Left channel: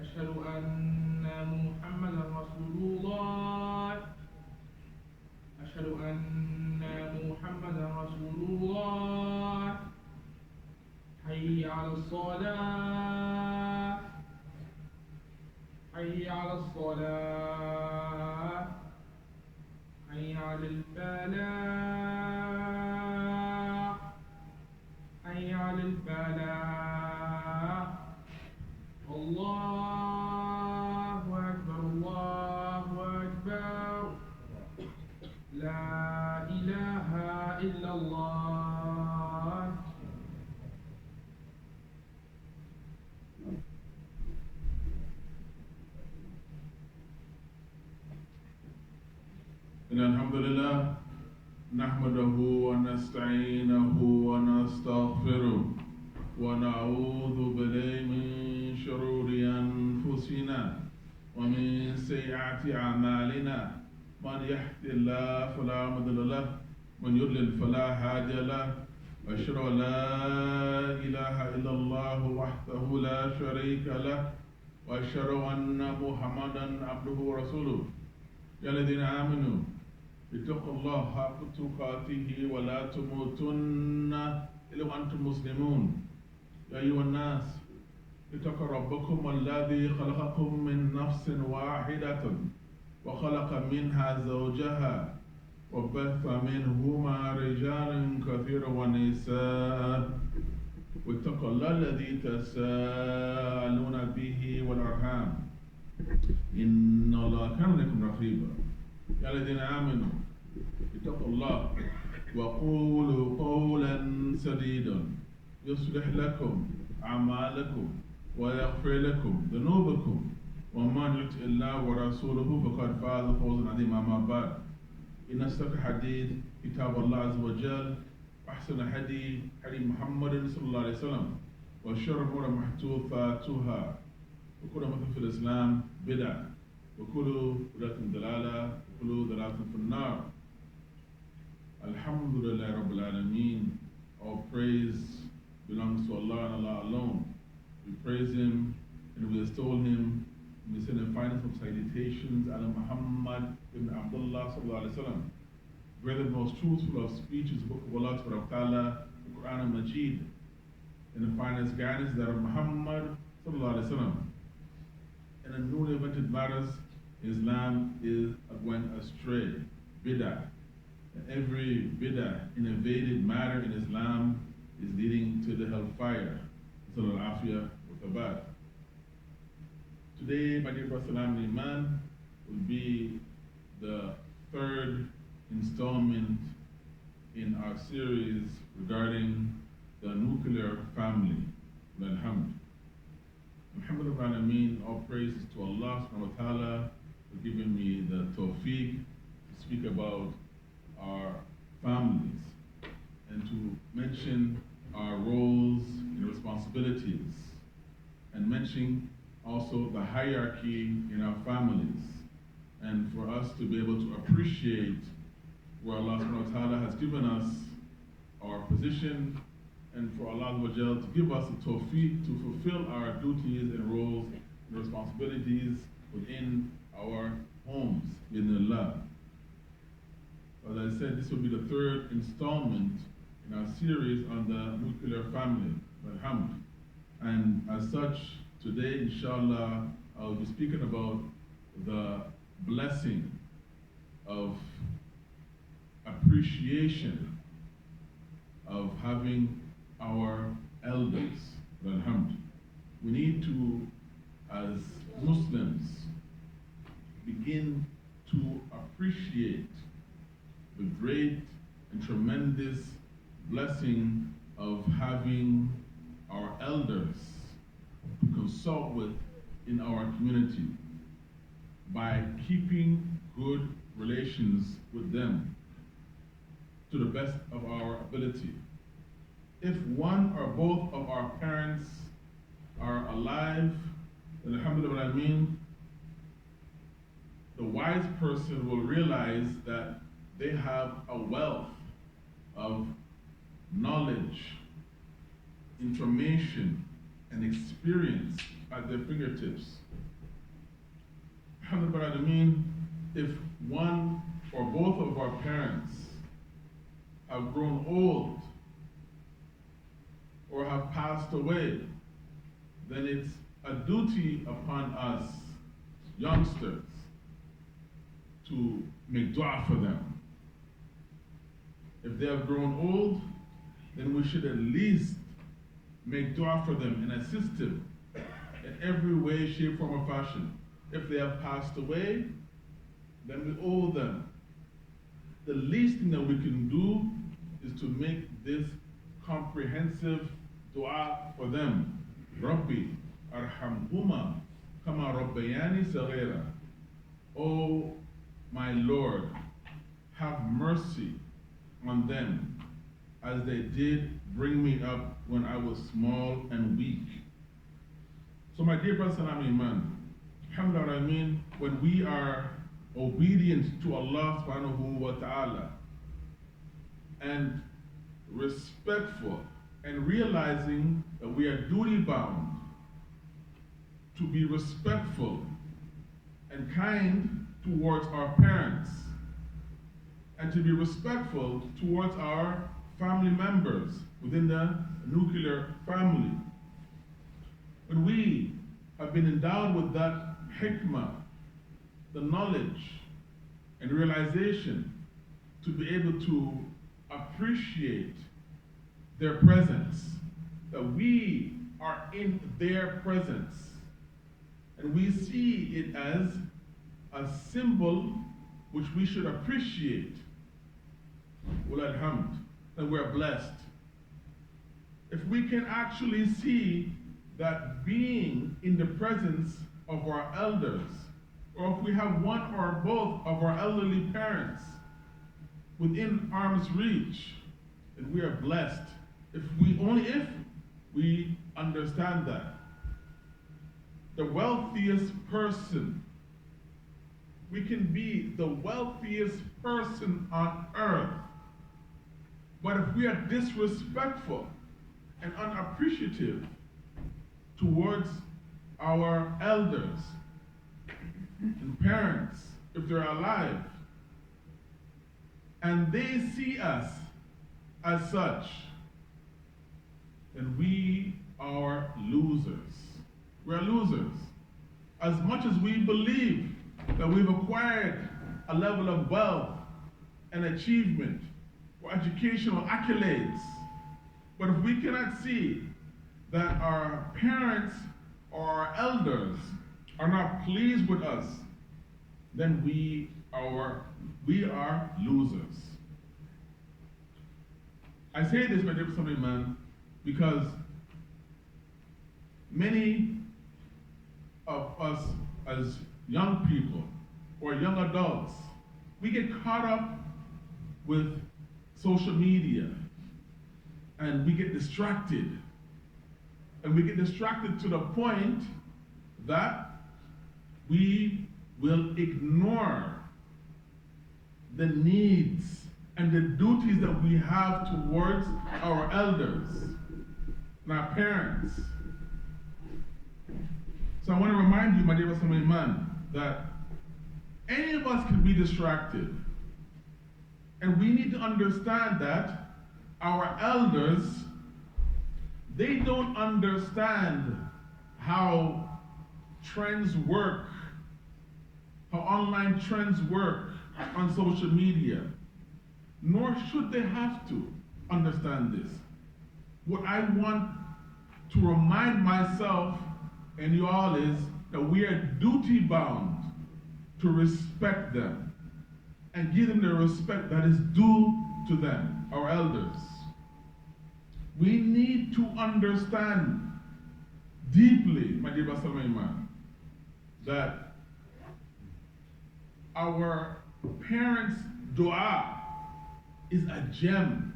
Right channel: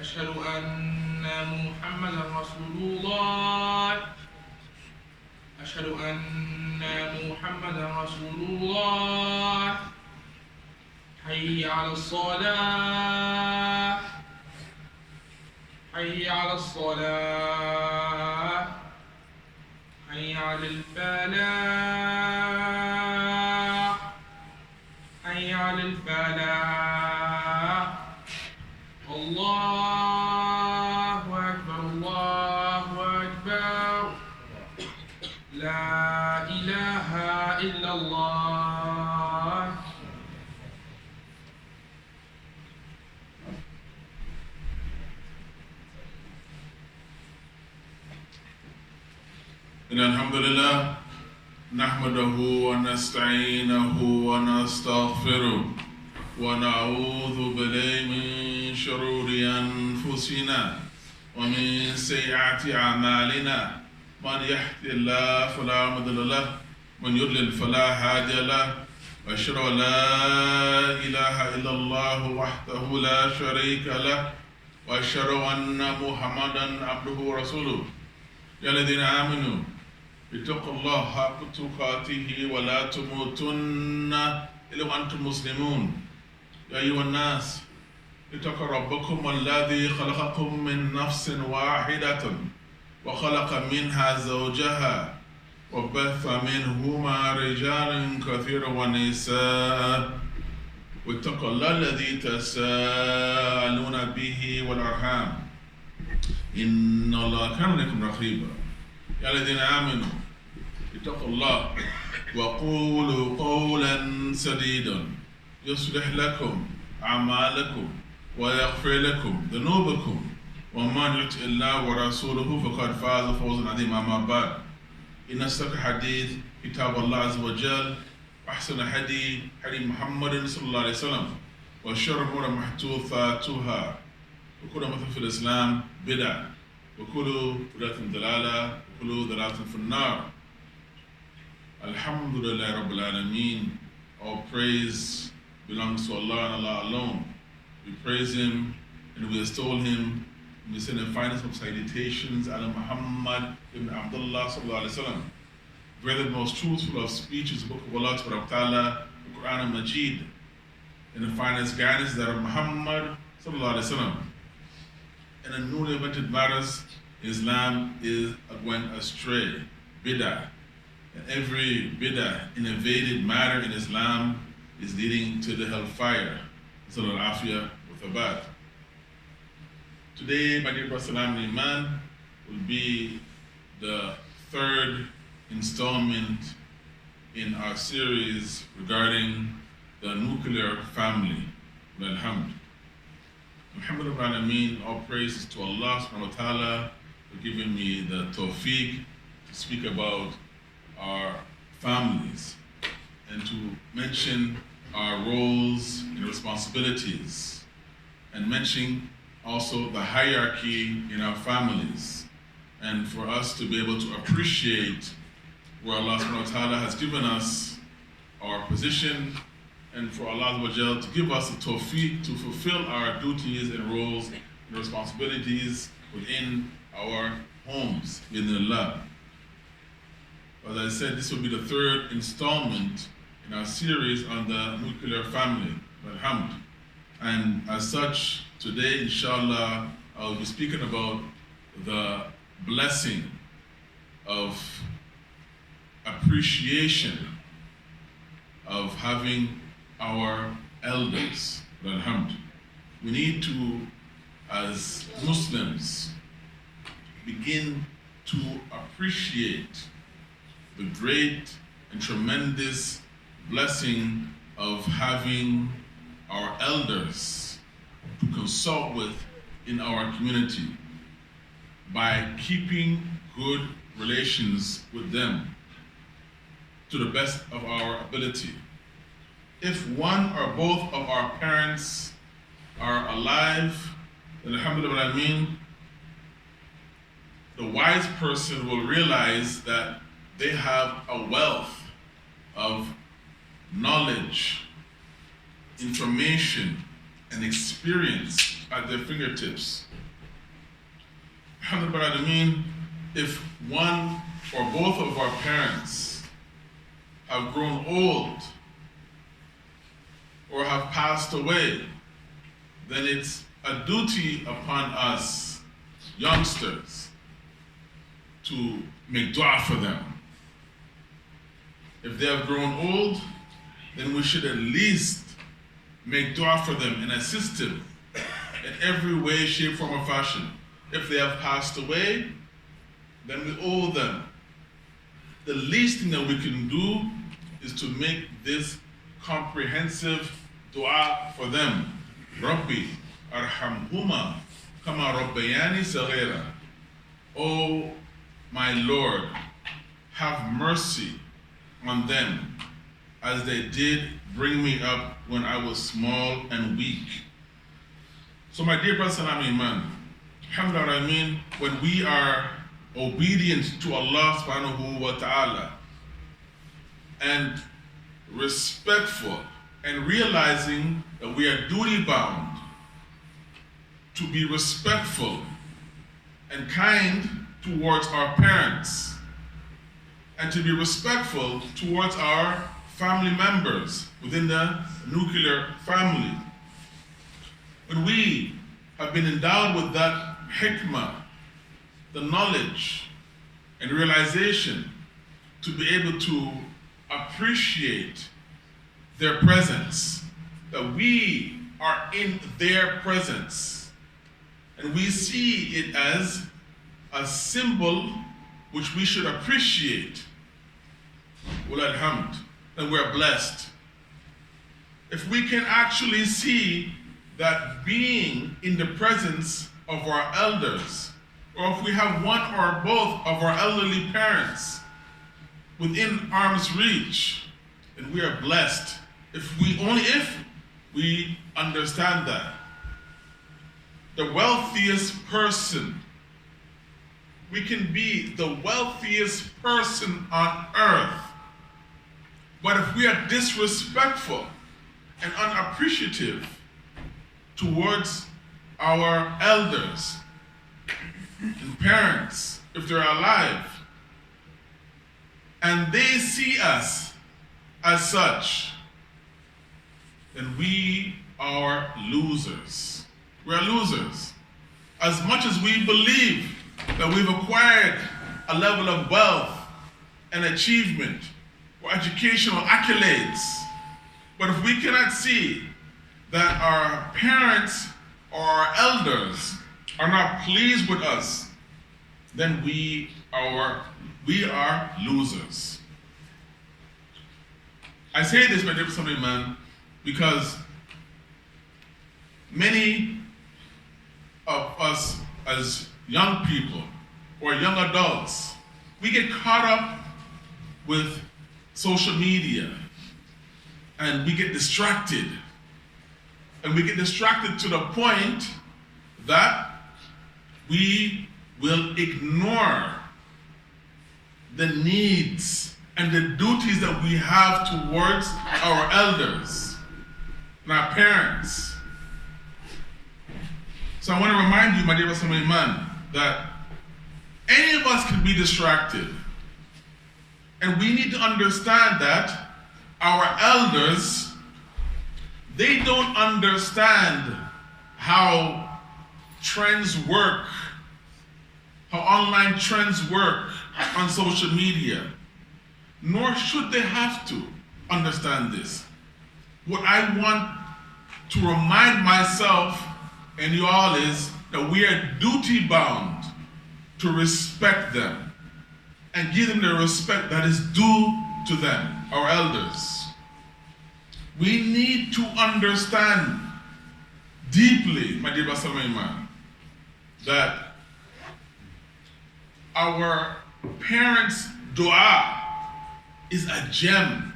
أشهد أن محمدا رسول الله. أشهد أن محمدا رسول الله. حي على الصلاة. حي على الصلاة. حي على الفلاح. حي على الفلاح. الله أكبر الله أكبر. لا إله إلا الله. إن الحمد لله نحمده ونستعينه ونستغفره ونعوذ بالله من شرور أنفسنا ومن سيئات أعمالنا من يهد الله فلا مضل له ومن يضلل فلا هادي له وأشهد أن لا إله إلا الله وحده لا شريك له وأشهد أن محمدا عبده ورسوله. يا الذين آمنوا اتقوا الله حق تقاته ولا تموتن إلا وأنتم مسلمون. يا أيها الناس اتقوا ربكم الذي خلقكم من نفس واحدة وخلق منها زوجها وبث منهما رجالا كثيرا ونساء واتقوا الله الذي تساءلون به والأرحام إن الله كان لكم رقيبا. يا الذين آمنوا اتقوا الله وقولوا قولا سديدا يصلح لكم أعمالكم ويغفر لكم ذنوبكم ومن يطع الله ورسوله فقد فاز فوزا عظيما. أما بعد إن أصدق الحديث كتاب الله عز وجل وأحسن الهدي هدي محمد صلى الله عليه وسلم وشر الأمور محدثاتها وكل محدث في الإسلام بدعة وكل بدعة ضلالة وكل ضلالة في النار. Alhamdulillah Rabbil Alameen. All praise belongs to Allah and Allah alone. We praise Him and we extol Him. We send the finest of salutations ala Muhammad ibn Abdullah sallallahu alaihi wasallam. Whether the most truthful of speech is the book of Allah Ta'ala, the Quran and Majid, and the finest guidance that of Muhammad sallallahu alaihi wasallam. And in newly invented matters, Islam is going astray, bid'ah. And every bid'ah, innovated matter in Islam is leading to the hellfire. Sallallahu Afiyah with Abad. Today, my dear brother Salam Iman, will be the third installment in our series regarding the nuclear family. Alhamdulillah. Alhamdulillah, all praises to Allah subhanahu wa ta'ala for giving me the tawfiq to speak about our families and to mention our roles and responsibilities and mention also the hierarchy in our families and for us to be able to appreciate where Allah subhanahu wa ta'ala has given us our position and for Allah to give us the tawfiq to fulfill our duties and roles and responsibilities within our homes, bi'idhnillah. As I said, this will be the third installment in our series on the nuclear family, alhamd. And as such, today, inshallah, I'll be speaking about the blessing of appreciation of having our elders, alhamd. We need to, as Muslims, begin to appreciate the great and tremendous blessing of having our elders to consult with in our community by keeping good relations with them to the best of our ability. If one or both of our parents are alive, then alhamdulillah, the wise person will realize that they have a wealth of knowledge, information, and experience at their fingertips alhamdulillah, if one or both of our parents have grown old or have passed away, then it's a duty upon us youngsters to make dua for them. If they have grown old, then we should at least make dua for them and assist them in every way, shape, form, or fashion. If they have passed away, then we owe them. The least thing that we can do is to make this comprehensive dua for them. Rabbi, arhamhuma kama rabbayani saghira. Oh, my Lord, have mercy on them as they did bring me up when I was small and weak. So my dear brothers and iman, alhamdulillah, when we are obedient to Allah subhanahu wa ta'ala and respectful and realizing that we are duty bound to be respectful and kind towards our parents and to be respectful towards our family members within the nuclear family. When we have been endowed with that hikmah, the knowledge and realization to be able to appreciate their presence, that we are in their presence, and we see it as a symbol which we should appreciate, Walal hamd, then we're blessed. If we can actually see that being in the presence of our elders, or if we have one or both of our elderly parents within arm's reach, then we are blessed. If we understand that. The wealthiest person, we can be the wealthiest person on earth, but if we are disrespectful and unappreciative towards our elders and parents, if they're alive, and they see us as such, then we are losers. We're losers. As much as we believe that we've acquired a level of wealth and achievement or educational accolades, but if we cannot see that our parents or our elders are not pleased with us, then we are losers. I say this, my dear man, because many of us as young people or young adults, we get caught up with social media and we get distracted. And we get distracted to the point that we will ignore the needs and the duties that we have towards our elders and our parents. So I want to remind you, my dear man, that any of us can be distracted. And we need to understand that our elders, they don't understand how trends work, how online trends work on social media, nor should they have to understand this. What I want to remind myself and you all is that we are duty bound to respect them and give them the respect that is due to them, our elders. We need to understand deeply, my dear Basamayman, that our parents' dua is a gem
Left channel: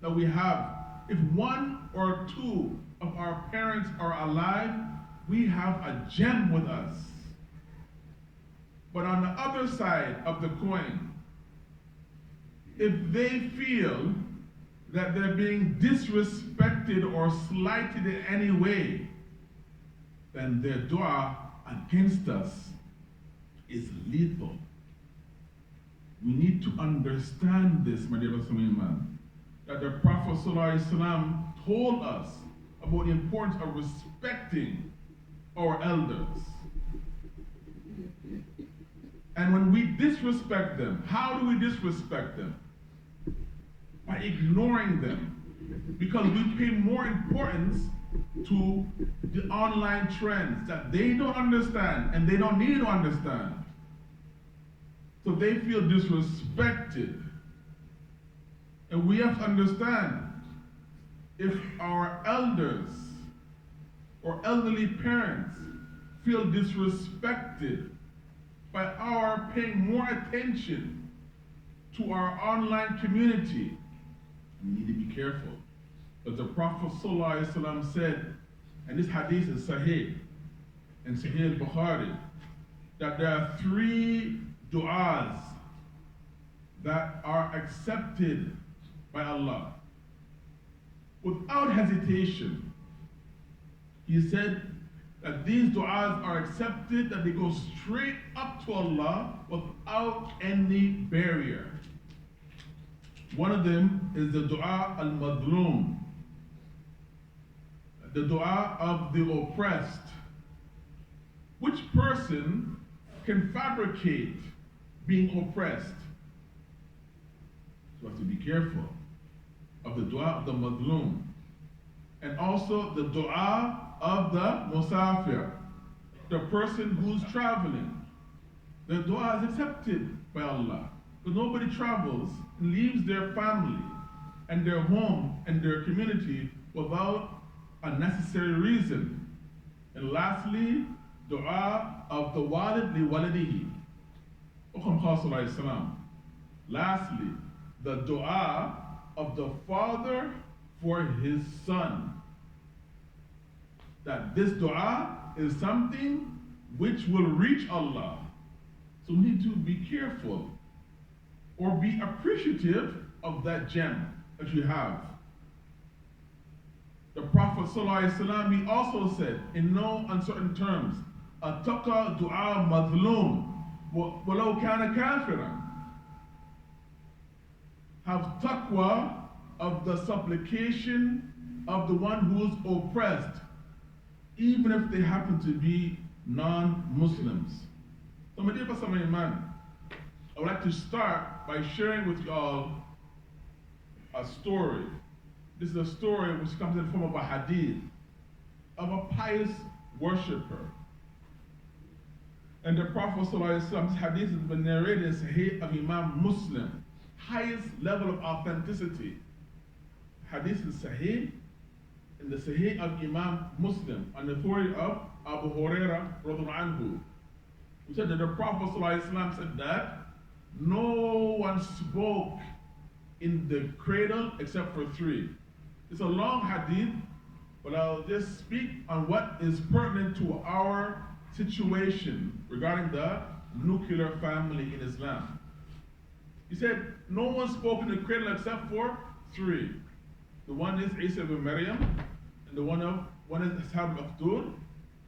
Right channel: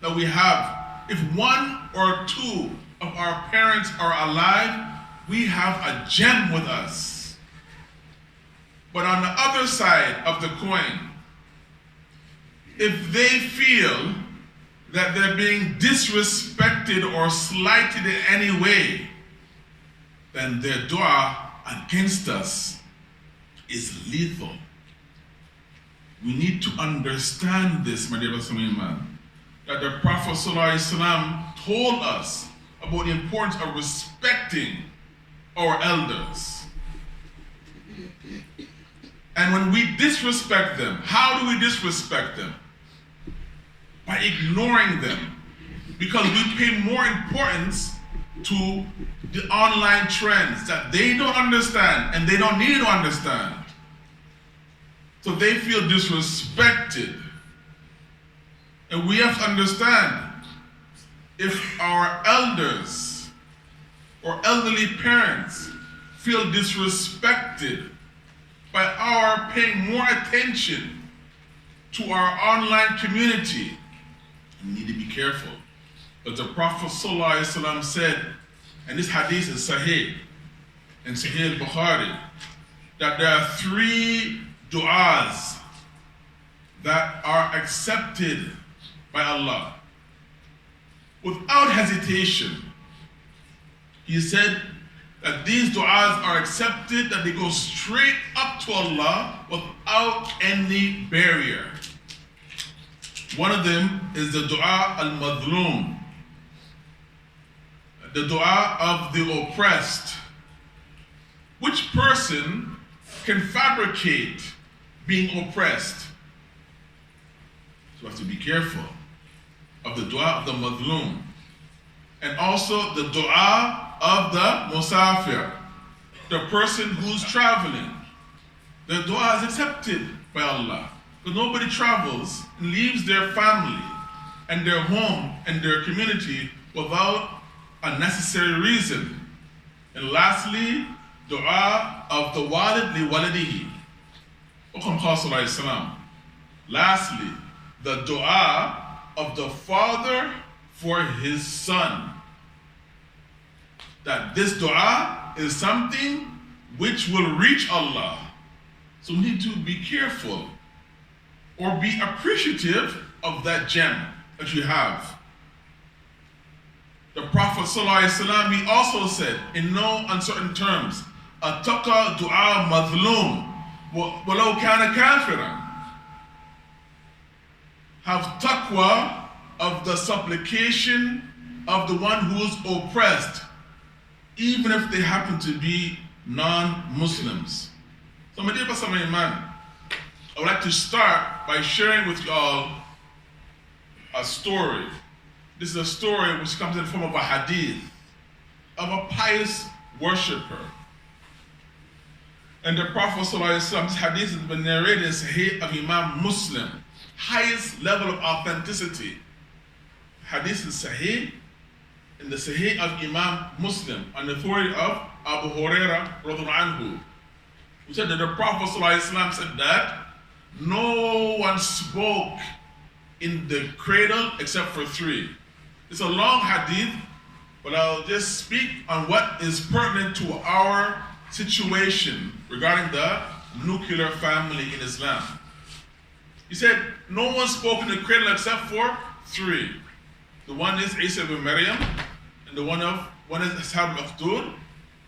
that we have. If one or two of our parents are alive, we have a gem with us. But on the other side of the coin, if they feel that they're being disrespected or slighted in any way, then their dua against us is lethal. We need to understand this, my dear man, that the Prophet ﷺ told us about the importance of respecting our elders. And when we disrespect them, how do we disrespect them? By ignoring them. Because we pay more importance to the online trends that they don't understand and they don't need to understand. So they feel disrespected. And we have to understand, if our elders or elderly parents feel disrespected by our paying more attention to our online community, we need to be careful. But the Prophet ﷺ said, and this hadith is Sahih, in Sahih al-Bukhari, that there are 3 du'as that are accepted by Allah. Without hesitation, he said that these du'as are accepted, that they go straight up to Allah without any barrier. One of them is the du'a al-madlum, the du'a of the oppressed. Which person can fabricate being oppressed? So we have to be careful of the du'a of the madlum. And also the du'a of the musafir, the person who's traveling. The du'a is accepted by Allah. Because nobody travels and leaves their family and their home and their community without a necessary reason. And lastly, dua of the walid li walidihi. Lastly, the dua of the father for his son. That this dua is something which will reach Allah. So we need to be careful or be appreciative of that gem that you have. The Prophet ﷺ, he also said, in no uncertain terms, Attaqa du'a madhlum, walau kana kafiran. Have taqwa of the supplication of the one who is oppressed, even if they happen to be non-Muslims. So my dear Pastor man, I would like to start by sharing with you all a story. This is a story which comes in the form of a hadith of a pious worshipper. And the Prophet ﷺ, this hadith has been narrated in Sahih of Imam Muslim, highest level of authenticity. Hadith is Sahih, in the Sahih of Imam Muslim, on the authority of Abu Hurairah radhiallahu anhu, who said that the Prophet ﷺ said that no one spoke in the cradle except for 3. It's a long hadith, but I'll just speak on what is pertinent to our situation regarding the nuclear family in Islam. He said, no one spoke in the cradle except for 3. The one is Isa ibn Maryam, and the one is Ashab al-Ukhdud,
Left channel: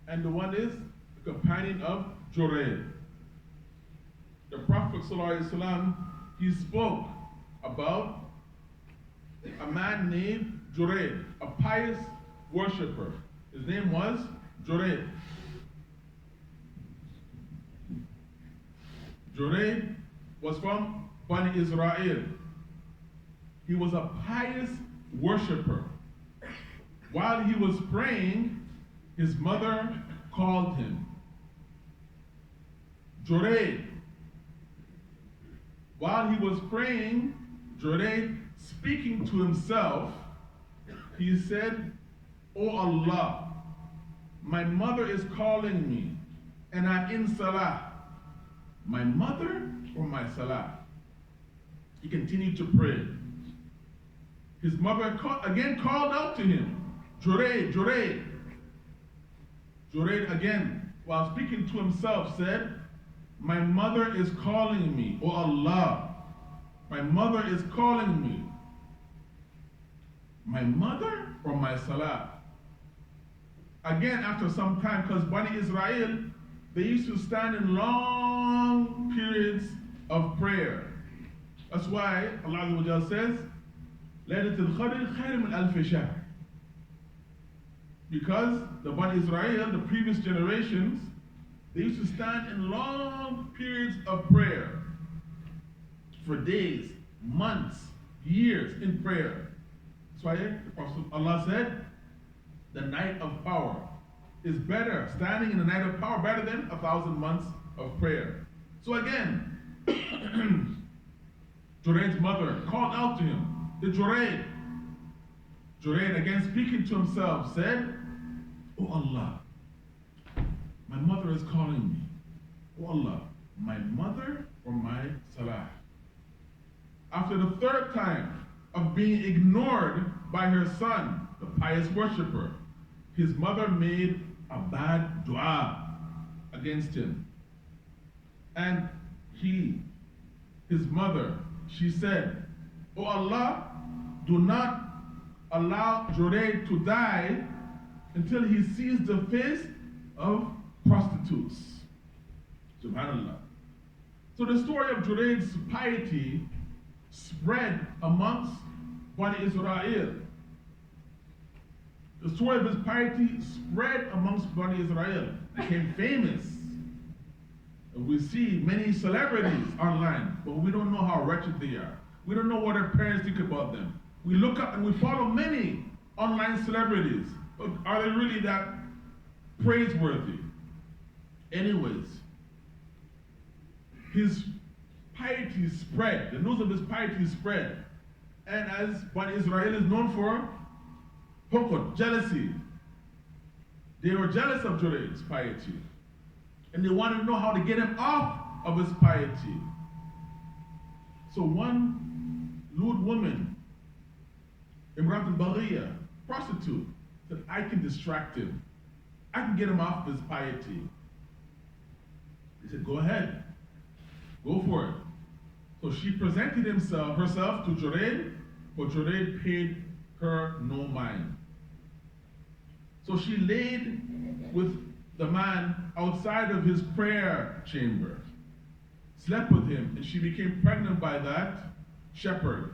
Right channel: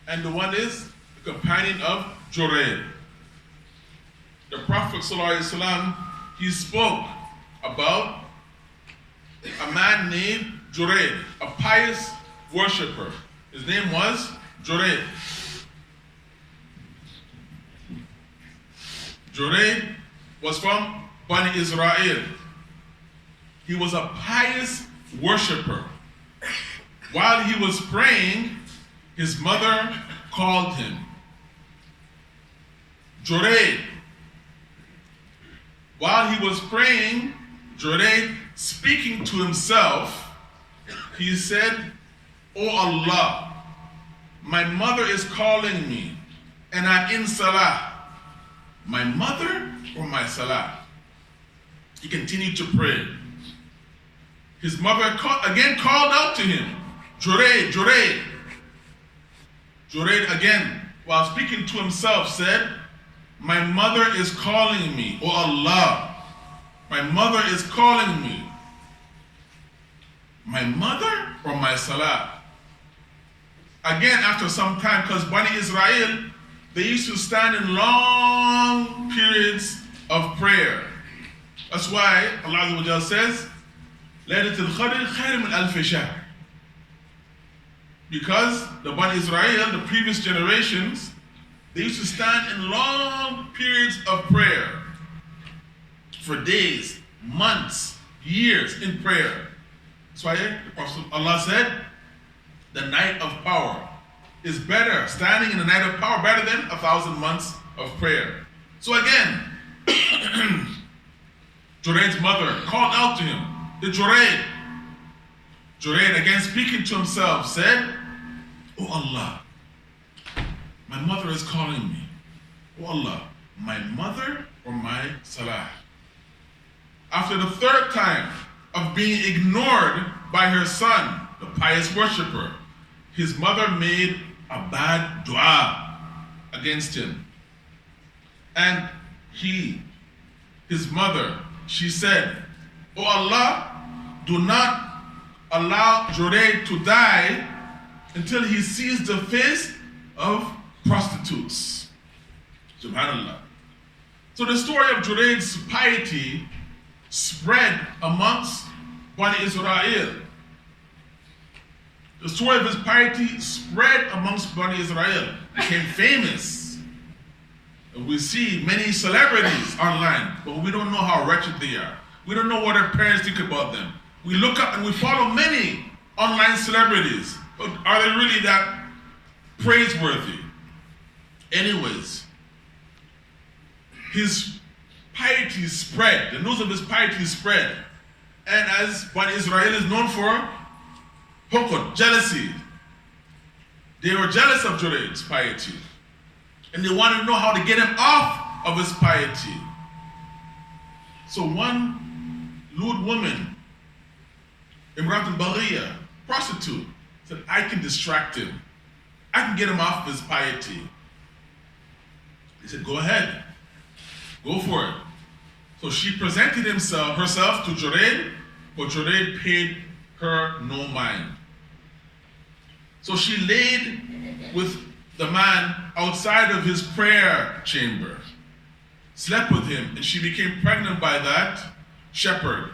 and the one is the companion of Jurayd. The Prophet ﷺ, he spoke about a man named Jurayd, a pious worshipper. His name was Jurayd. Jurayd was from Bani Israel. He was a pious worshipper. While he was praying, his mother called him. Jurayd. While he was praying, Jurayd, speaking to himself, he said, "Oh Allah, my mother is calling me, and I'm in salah. My mother or my salah?" He continued to pray. His mother again called out to him, "Jurayd, Jurayd." Jurayd again, while speaking to himself, said, "My mother is calling me, oh Allah. My mother is calling me. My mother or my salah?" Again, after some time, because Bani Israel, they used to stand in long periods of prayer. That's why Allah Azza wa Jalla says, Laylatul Qadr khayr min alf shahr. Because the Bani Israel, the previous generations, they used to stand in long periods of prayer for days, months, years in prayer. That's why the Prophet Allah said, the night of power is better, standing in the night of power, better than 1,000 months of prayer. So again, Jurayd's mother called out to him, the Jurayd, again speaking to himself, said, "Oh Allah, my mother is calling me. Oh Allah, my mother or my Salah?" After the third time of being ignored by her son, the pious worshipper, his mother made a bad dua against him. And his mother, she said, "Oh Allah, do not allow Jurayd to die until he sees the face of prostitutes." Subhanallah. So the story of Jurayd's piety spread amongst Bani Israel. The story of his piety spread amongst Bani Israel, became famous. We see many celebrities online, but we don't know how wretched they are. We don't know what their parents think about them. We look up and we follow many online celebrities, but are they really that praiseworthy? Anyways, his piety spread, the news of his piety spread. And as Bani Israel is known for, hukd, jealousy. They were jealous of Jurayd's piety. And they wanted to know how to get him off of his piety. So one lewd woman, Imrat al-Baghiya, prostitute, said, "I can distract him. I can get him off of his piety." He said, "Go ahead. Go for it." So she presented herself to Jurayd, but Jurayd paid her no mind. So she laid with the man outside of his prayer chamber, slept with him, and she became pregnant by that shepherd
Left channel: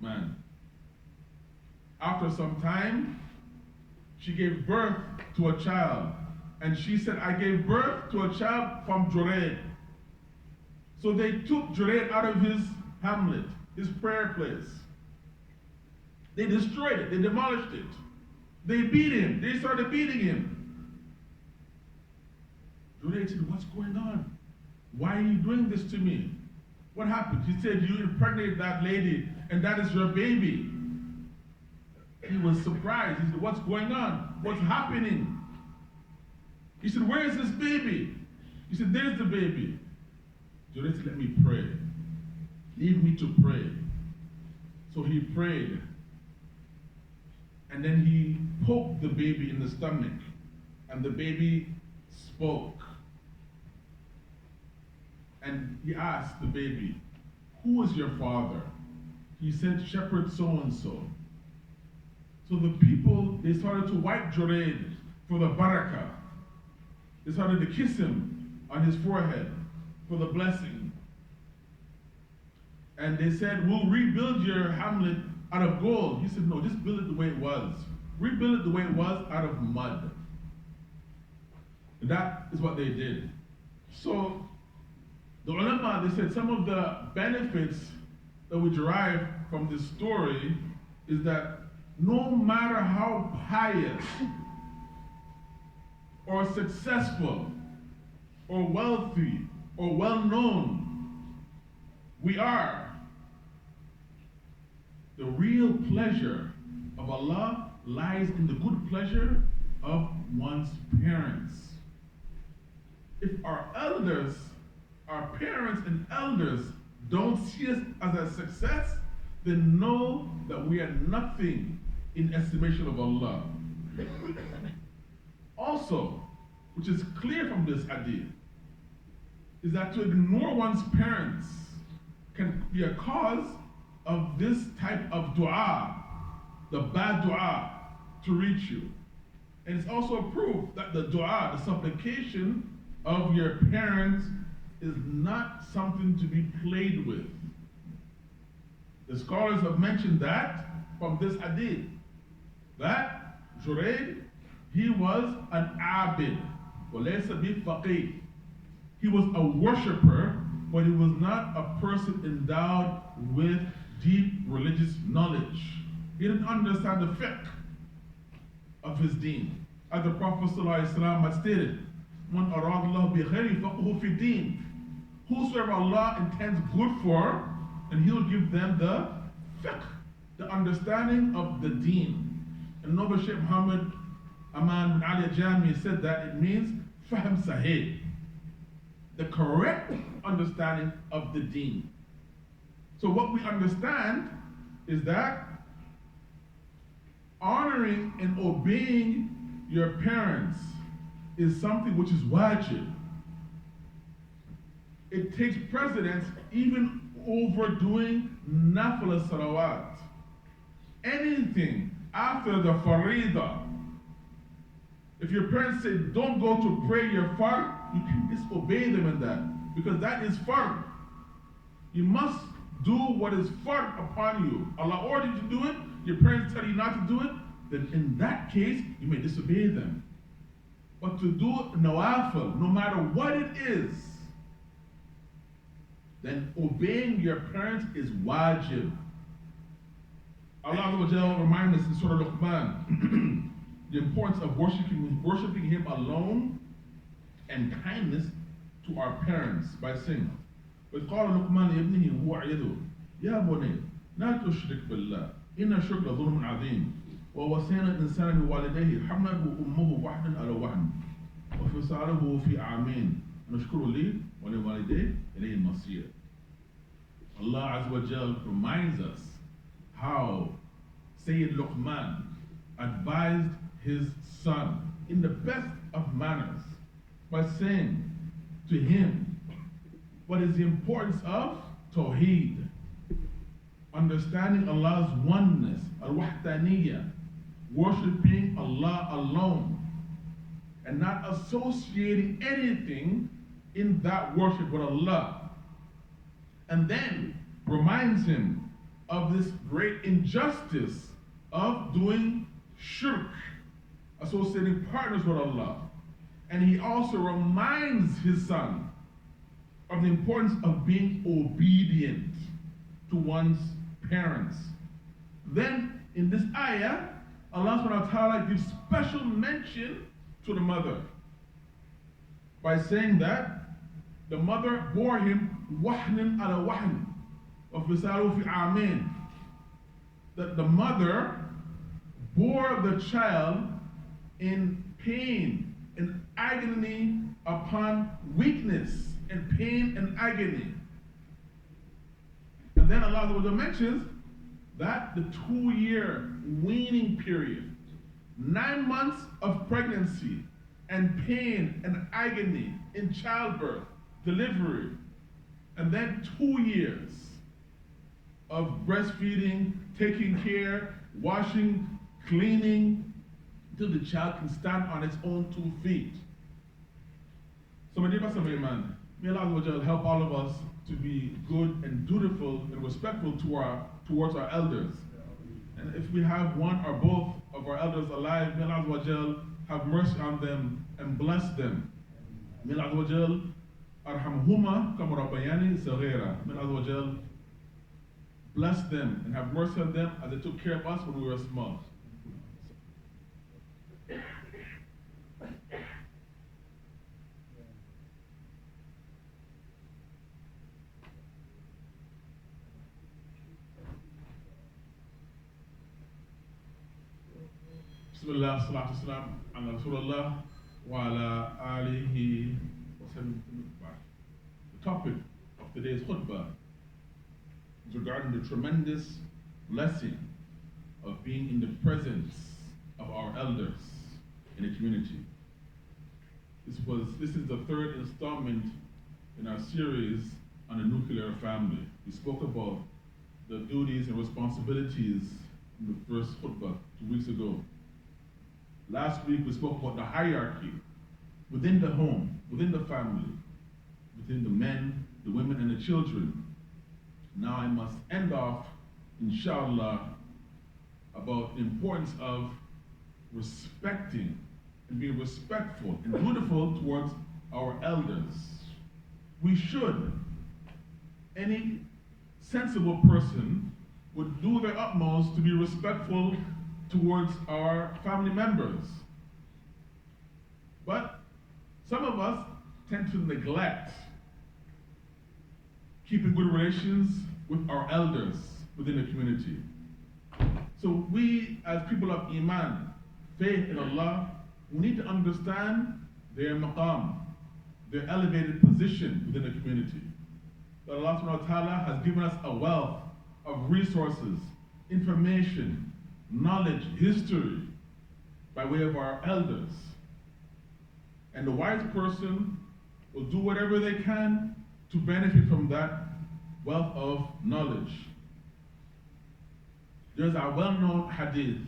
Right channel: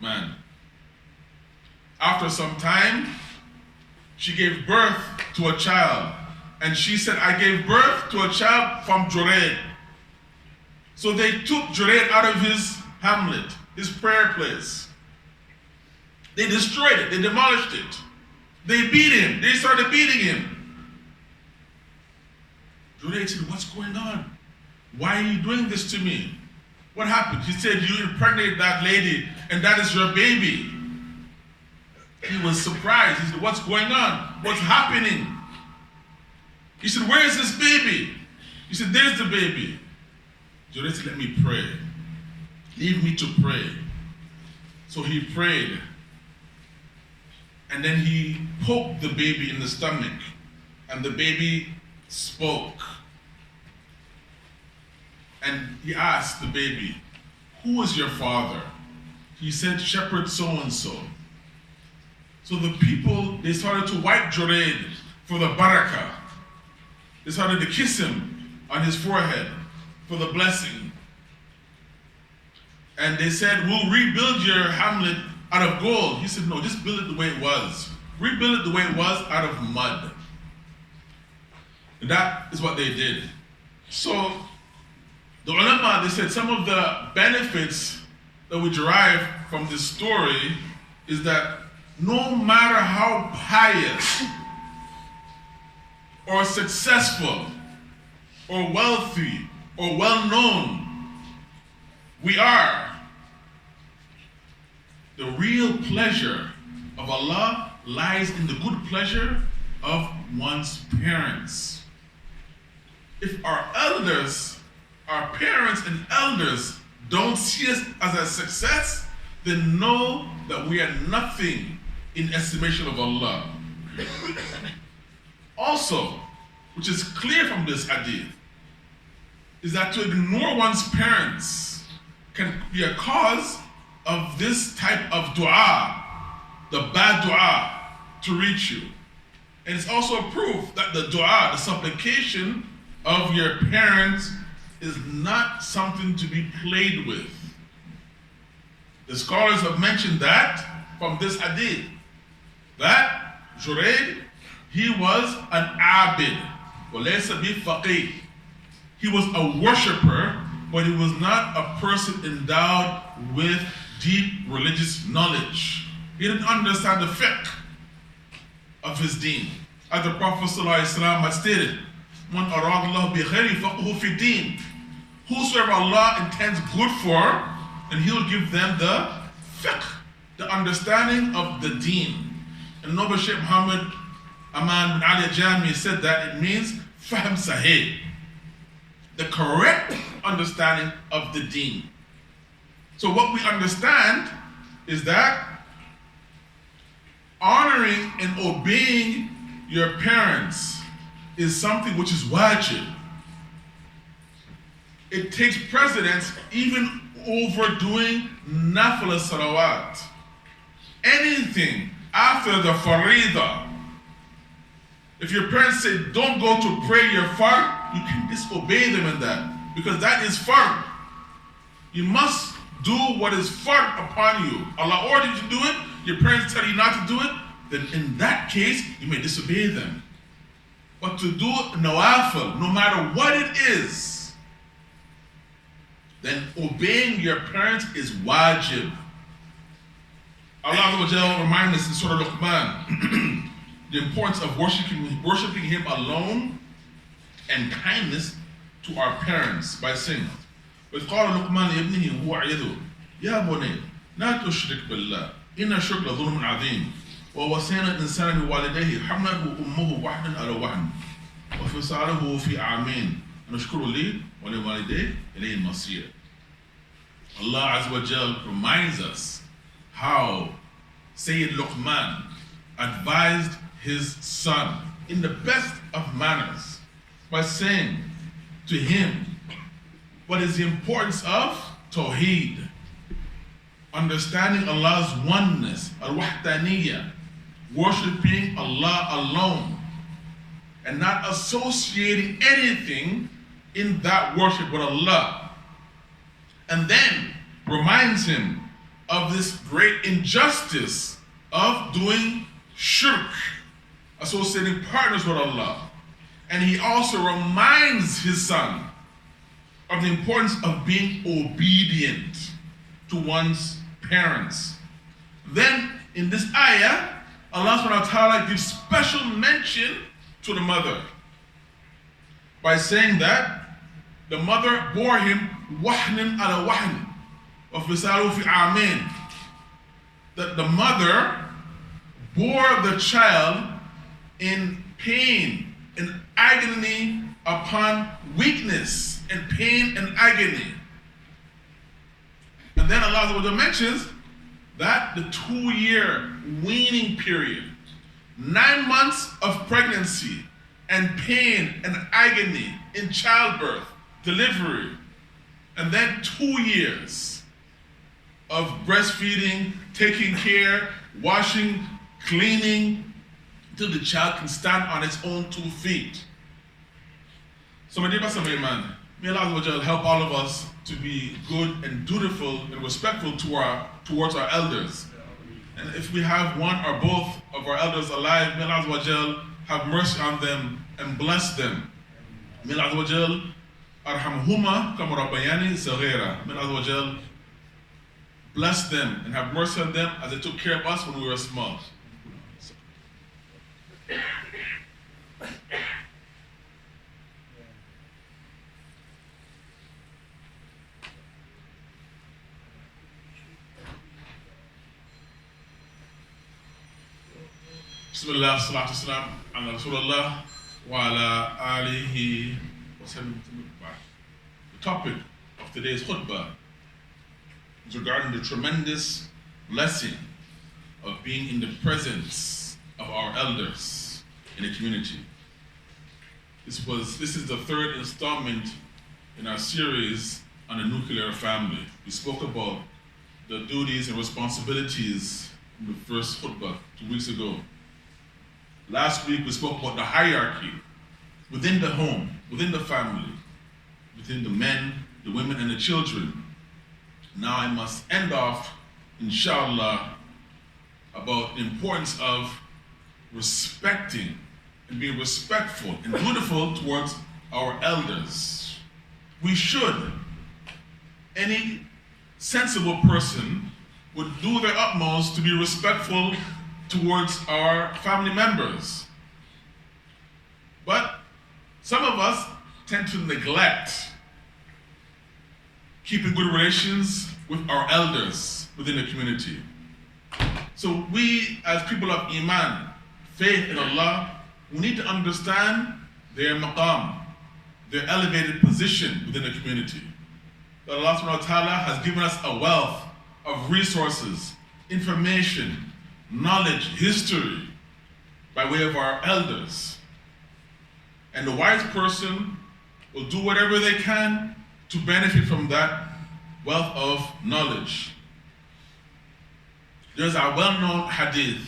man. After some time, she gave birth to a child, and she said, "I gave birth to a child from Jurayd." So they took Jurayd out of his hamlet, his prayer place. They destroyed it, they demolished it. They beat him, they started beating him. Jurayd said, "What's going on? Why are you doing this to me? What happened?" He said, "You impregnated that lady, and that is your baby." He was surprised. He said, "What's going on? What's happening?" He said, "Where is this baby?" He said, "There's the baby." Jurayd said, "Let me pray. Leave me to pray." So he prayed. And then he poked the baby in the stomach. And the baby spoke. And he asked the baby, "Who is your father?" He said, "Shepherd so-and-so." So the people, they started to wipe Jurayd for the barakah. They started to kiss him on his forehead for the blessing. And they said, "We'll rebuild your hamlet out of gold." He said, "No, just build it the way it was. Rebuild it the way it was out of mud." And that is what they did. So the ulama, they said some of the benefits that we derive from this story is that no matter how pious or successful or wealthy or well-known we are, the real pleasure of Allah lies in the good pleasure of one's parents. If our elders, our parents and elders don't see us as a success, then know that we are nothing in estimation of Allah. Also, which is clear from this hadith, is that to ignore one's parents can be a cause of this type of dua, the bad dua, to reach you. And it's also a proof that the dua, the supplication of your parents is not something to be played with. The scholars have mentioned that from this hadith, that Jurayd, he was an abid, walaysa bi faqih. He was a worshipper, but he was not a person endowed with deep religious knowledge. He didn't understand the fiqh of his deen. As the Prophet ﷺ had stated, "Man arad Allah bi khayri faqhu fi din." Whosoever Allah intends good for, and He'll give them the fiqh, the understanding of the deen. And Noble Sheikh Muhammad Aman bin Ali Jami said that it means fahm sahih, the correct understanding of the deen. So what we understand is that honoring and obeying your parents is something which is wajib. It takes precedence even over doing nafil salawat. Anything after the farida, if your parents say don't go to pray your fard, you can disobey them in that, because that is fard. You must do what is fard upon you. Allah ordered you to do it, your parents tell you not to do it, then in that case you may disobey them. But to do nawafil, no matter what it is, then obeying your parents is wajib. Allah reminds us in Surah Luqman the importance of worshiping Him alone and kindness to our parents by saying, وَإِذْ قَالَ لُقْمَانُ لِابْنِهِ هُوَ يَعِظُهُ يَا بُنَيَّ لَا تُشْرِكْ بِاللَّهِ إِنَّ الشِّرْكَ لَظُلْمٌ عَظِيمٌ وَوَصَّيْنَا الْإِنسَانَ بِوَالِدَيْهِ حَمْلَتْهُ أُمُّهُ وَهْنًا عَلَى وَهْنٍ وَفِصَالُهُ فِي عَامَيْنِ أَنِ اشْكُرْ لِي وَلِوَالِدَيْكَ إِلَيْهِ الْمَصِيرُ. Allah Azza wa Jal reminds us how Sayyid Luqman advised his son in the best of manners by saying to him what is the importance of Tawheed, understanding Allah's oneness, al-wahdaniyya, worshiping Allah alone, and not associating anything in that worship with Allah. And then reminds him of this great injustice of doing shirk, associating partners with Allah. And he also reminds his son of the importance of being obedient to one's parents. Then in this ayah, Allah subhanahu wa ta'ala gives special mention to the mother by saying that the mother bore him wahnin ala wahn of fisalu fi amin. That the mother bore the child in pain, in agony upon weakness, and pain and agony. And then Allah mentions that the 2-year weaning period, 9 months of pregnancy and pain and agony in childbirth, delivery, and then 2 years of breastfeeding, taking care, washing, cleaning, till the child can stand on its own 2 feet. So my dear Pastor Mayman, may Allah help all of us to be good and dutiful and respectful towards our elders. And if we have one or both of our elders alive, may Allah have mercy on them and bless them. May Allah arhamhuma kama rabbayani saghira. May Allah bless them and have mercy on them as they took care of us when we were small. Bismillah, salatu salam, ala Rasulullah, wa ala alihi wa sallam. The topic of today's khutbah is regarding the tremendous blessing of being in the presence of our elders in the community. This is the 3rd installment in our series on the nuclear family. We spoke about the duties and responsibilities in the first khutbah 2 weeks ago. Last week we spoke about the hierarchy within the home within the family, within the men, the women, and the children. Now I must end off, inshallah, about the importance of respecting and being respectful and dutiful towards our elders. We should. Any sensible person would do their utmost to be respectful towards our family members. But some of us tend to neglect keeping good relations with our elders within the community. So we, as people of Iman, faith in Allah, we need to understand their maqam, their elevated position within the community. That Allah subhanahu wa ta'ala has given us a wealth of resources, information, knowledge, history, by way of our elders. And the wise person will do whatever they can to benefit from that wealth of knowledge. There's a well-known hadith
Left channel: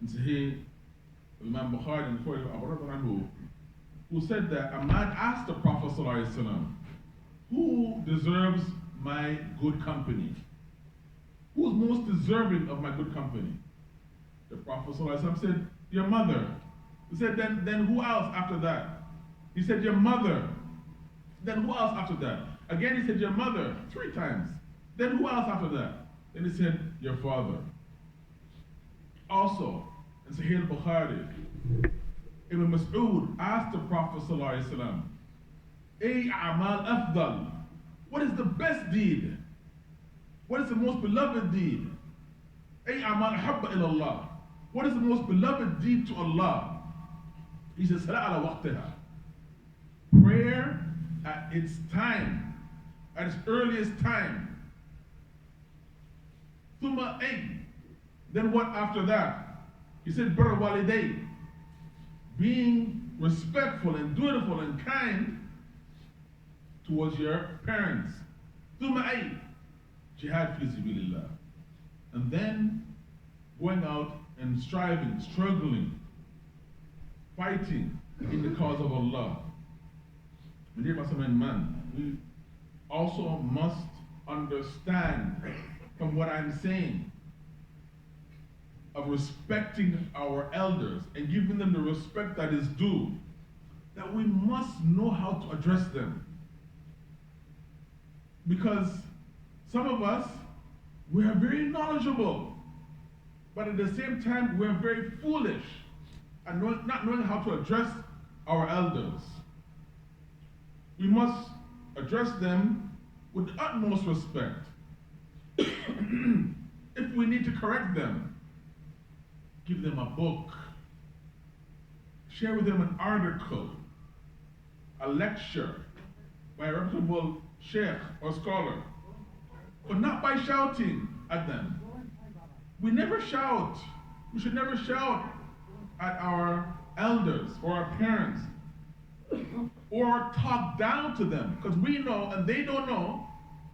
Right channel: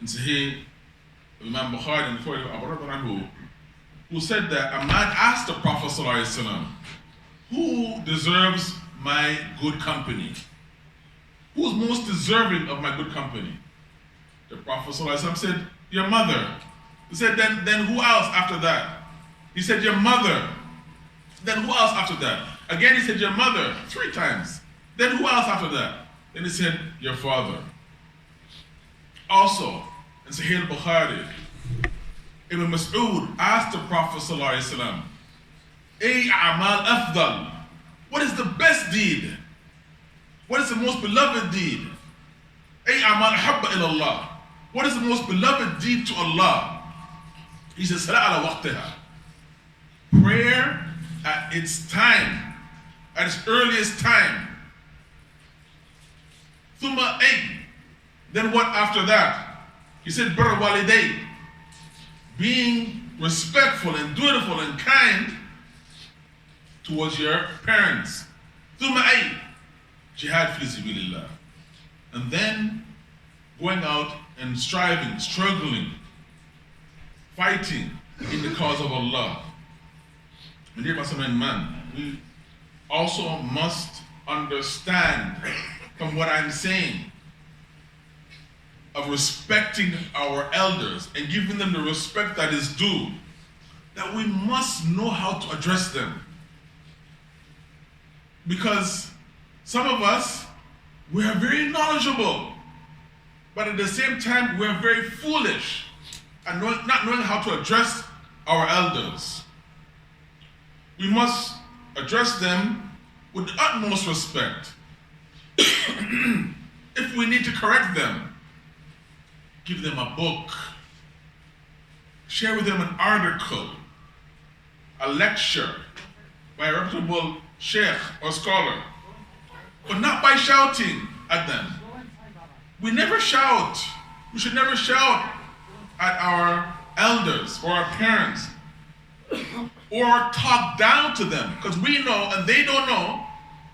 in Sahih Imam Bukhari and Abu Hurairah, who said that a man asked the Prophet ﷺ, who deserves my good company? Who's most deserving of my good company? The Prophet ﷺ said, your mother. He said, then who else after that? He said, your mother. Then who else after that? Again, he said, your mother, 3 times. Then who else after that? Then he said, your father. Also, in Sahih al-Bukhari, Ibn Mas'ud asked the Prophet ﷺ, Ay a'mal afdal, what is the best deed? What is the most beloved deed? Ay a'mal habba ilallah, what is the most beloved deed to Allah? He says, Salah ala waqtiha, prayer at its time, at its earliest time. Thumma ay, then what after that? He said, Birr waliday, being respectful and dutiful and kind towards your parents. Thumma ay, jihad fi sabilillah. And then going out and striving, struggling, fighting in the cause of Allah. My dear man, we also must understand from what I'm saying of respecting our elders and giving them the respect that is due, that we must know how to address them. Because some of us, we are very knowledgeable, but at the same time, we are very foolish and not knowing how to address our elders. We must address them with the utmost respect. If we need to correct them, give them a book, share with them an article, a lecture by a reputable sheikh or scholar, but not by shouting at them. We never shout. We should never shout at our elders or our parents or talk down to them, because we know and they don't know.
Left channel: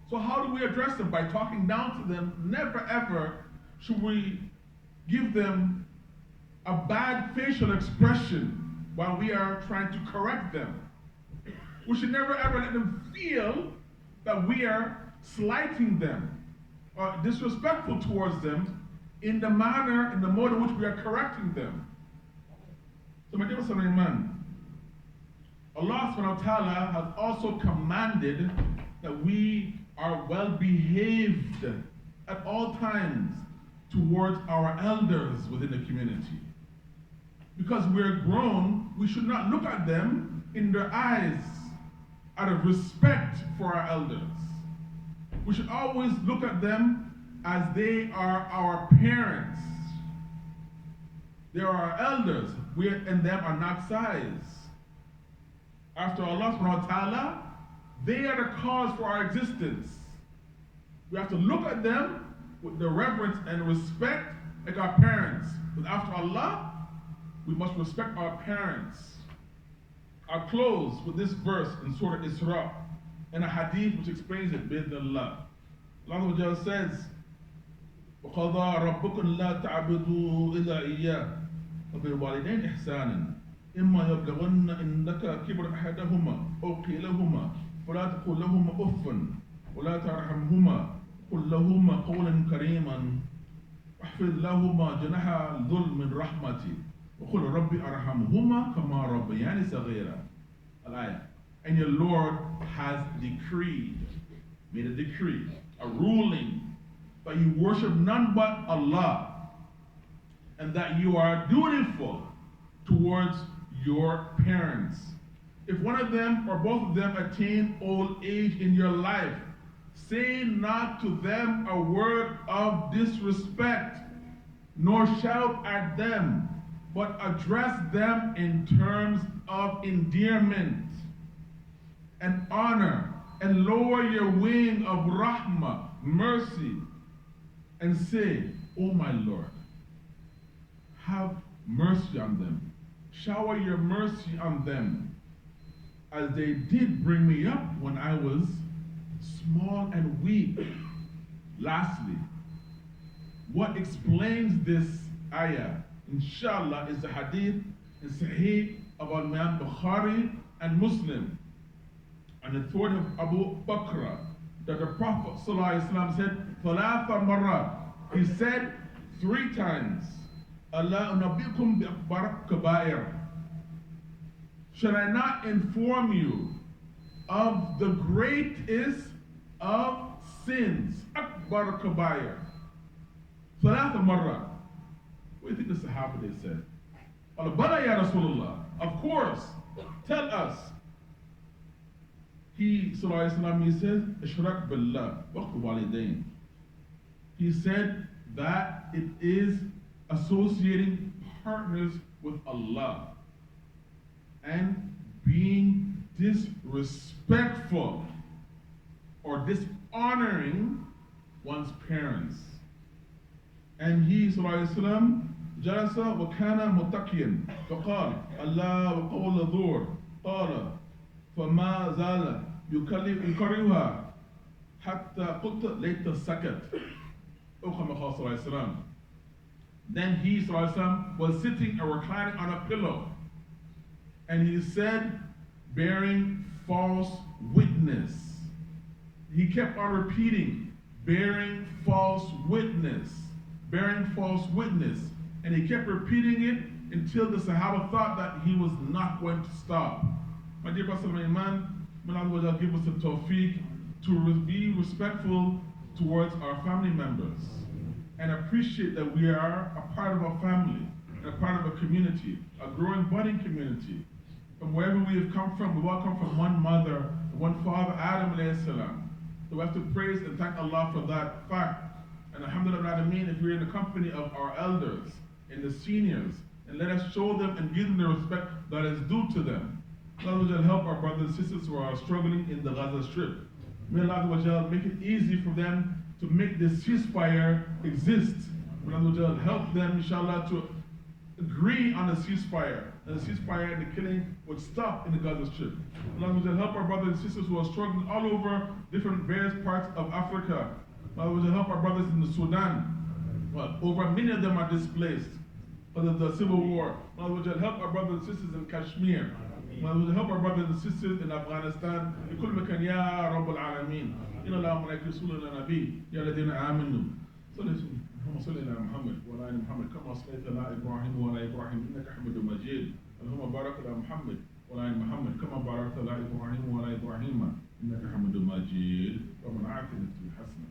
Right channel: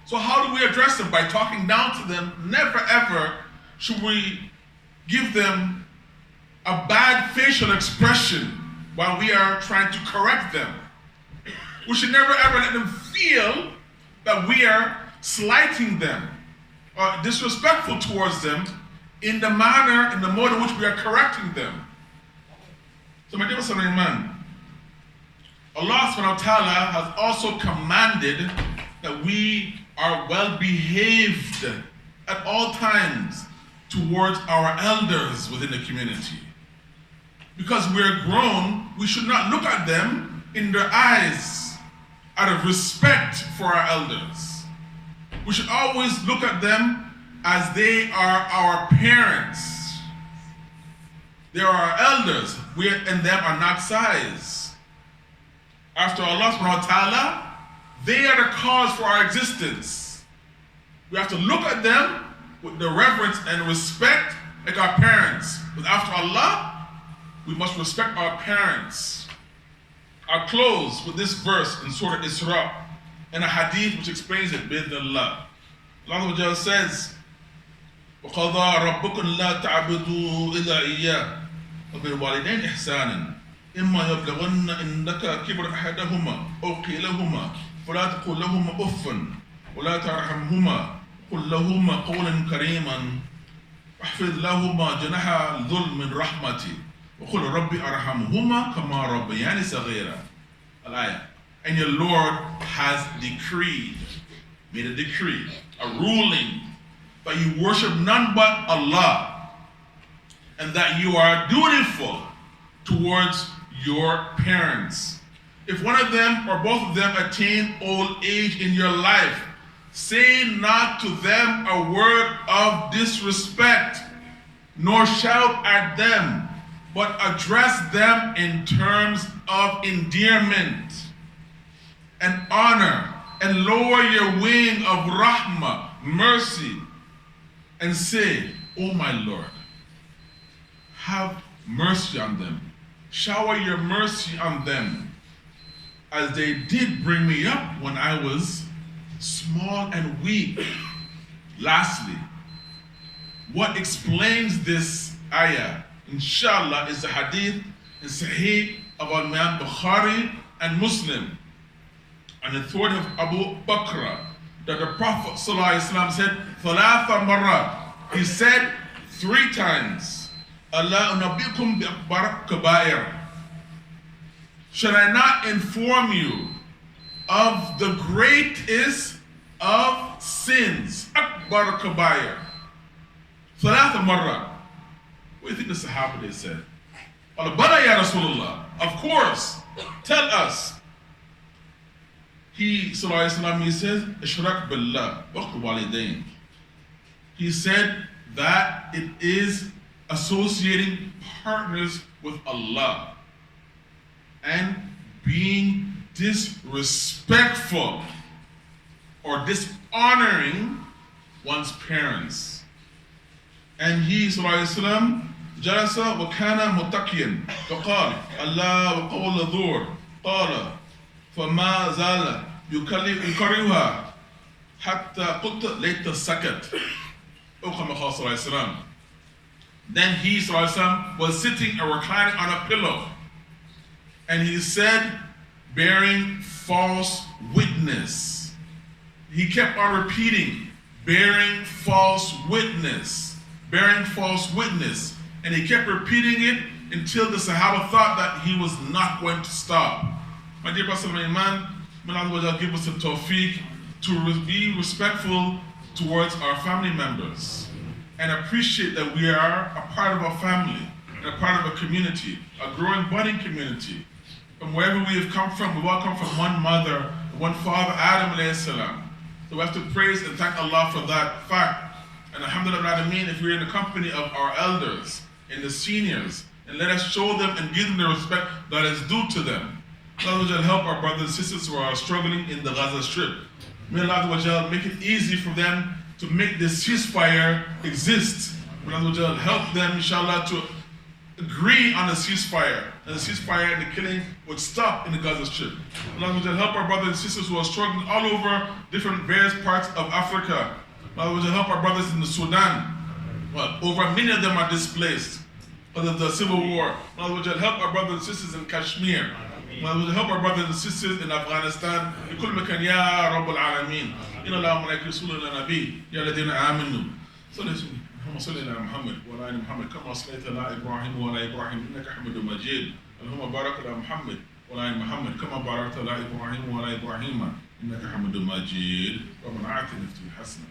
So how do we address them? By talking down to them. Never ever should we give them a bad facial expression while we are trying to correct them. We should never ever let them feel that we are slighting them or disrespectful towards them in the manner, in the mode in which we are correcting them. So my dear man, Allah subhanahu wa ta'ala has also commanded that we are well behaved at all times towards our elders within the community. Because we're grown, we should not look at them in their eyes out of respect for our elders. We should always look at them as they are our parents. They are our elders. We and them are not size. After Allah subhanahu wa ta'ala, they are the cause for our existence. We have to look at them with the reverence and respect like our parents. But after Allah, we must respect our parents. I'll close with this verse in Surah Isra and a hadith which explains it, bidnillah. Allah says, وَقَضَى رَبُّكُمْ لَا تَعْبُدُوا إِلَّا إِيَّاهُ وَبِالْوَالِدَيْنِ إِحْسَانًا إما يبلغن إنك كبر أحدهما أو كلاهما فلا تقل لهما أف ولا ترحمهما قل لهما قولا كريما واحفظ لهما جناح الذل من رحمتي وقل ربي أرحمهما كما ربياني صغيرا. الآية. And your Lord has made a decree, a ruling, that you worship none but Allah, and that you are dutiful towards your parents. If one of them or both of them attain old age in your life, say not to them a word of disrespect, nor shout at them, but address them in terms of endearment and honor, and lower your wing of rahmah, mercy, and say, "O my Lord, have mercy on them. Shower your mercy on them, as they did bring me up when I was small and weak." Lastly, what explains this ayah, inshallah, is the hadith in Sahih of Imam Bukhari and Muslim, and the thought of Abu Bakr, that the Prophet ﷺ said, "Thalatha marrat." He said 3 times, "Allah unabbikum bi akbar kabair." Should I not inform you of the greatest of sins? Akbar kabair. Thalatha marrat. What do you think the Sahaba they said? Bala ya Rasulullah. Of course. Tell us. He, sallallahu alayhi wa sallam, he says, "Ishrak billah, waqtu walidain." He said that it is associating partners with Allah and being disrespectful or dishonoring one's parents. And he, sallallahu alayhi wa sallam, جلس وكان متكئا فقال الله وقول الظهر قال فما زال يكرهها حتى قلت ليت سكت أو كما قال صلى الله عليه وسلم. Then he, sallallahu alayhi wa sallam, was sitting or reclining on a pillow, and he said, bearing false witness. He kept on repeating, bearing false witness, bearing false witness. And he kept repeating it until the Sahaba thought that he was not going to stop. My dear Pastor Iman, may Allah give us the tawfiq to be respectful towards our family members and appreciate that we are a part of a family and a part of a community, a growing, budding community. From wherever we have come from, we've all come from one mother, one father, Adam alayhi salam. So we have to praise and thank Allah for that fact. And alhamdulillah, if we're in the company of our elders and the seniors, and let us show them and give them the respect that is due to them. Allah help our brothers and sisters who are struggling in the Gaza Strip. May Allah make it easy for them to make this ceasefire exist. May Allah help them, inshallah, to agree on a ceasefire, and the ceasefire and the killing would stop in the Gaza Strip. Allah help our brothers and sisters who are struggling all over different various parts of Africa. Allah help our brothers in the Sudan. Over many of them are displaced because of the civil war. Allah help our brothers and sisters in Kashmir. Allah help our brothers and sisters in Afghanistan. بكل مكان يا رب العالمين. إن الله وملائكته يصلون على النبي يا الذين آمنوا اللهم صل على محمد وعلى آل محمد كما صليت على إبراهيم وعلى إبراهيم إنك حميد مجيد. اللهم بارك على محمد وعلى آل محمد كما باركت على إبراهيم وعلى إبراهيم إنك حميد مجيد. ربنا آتنا في الدنيا حسنة.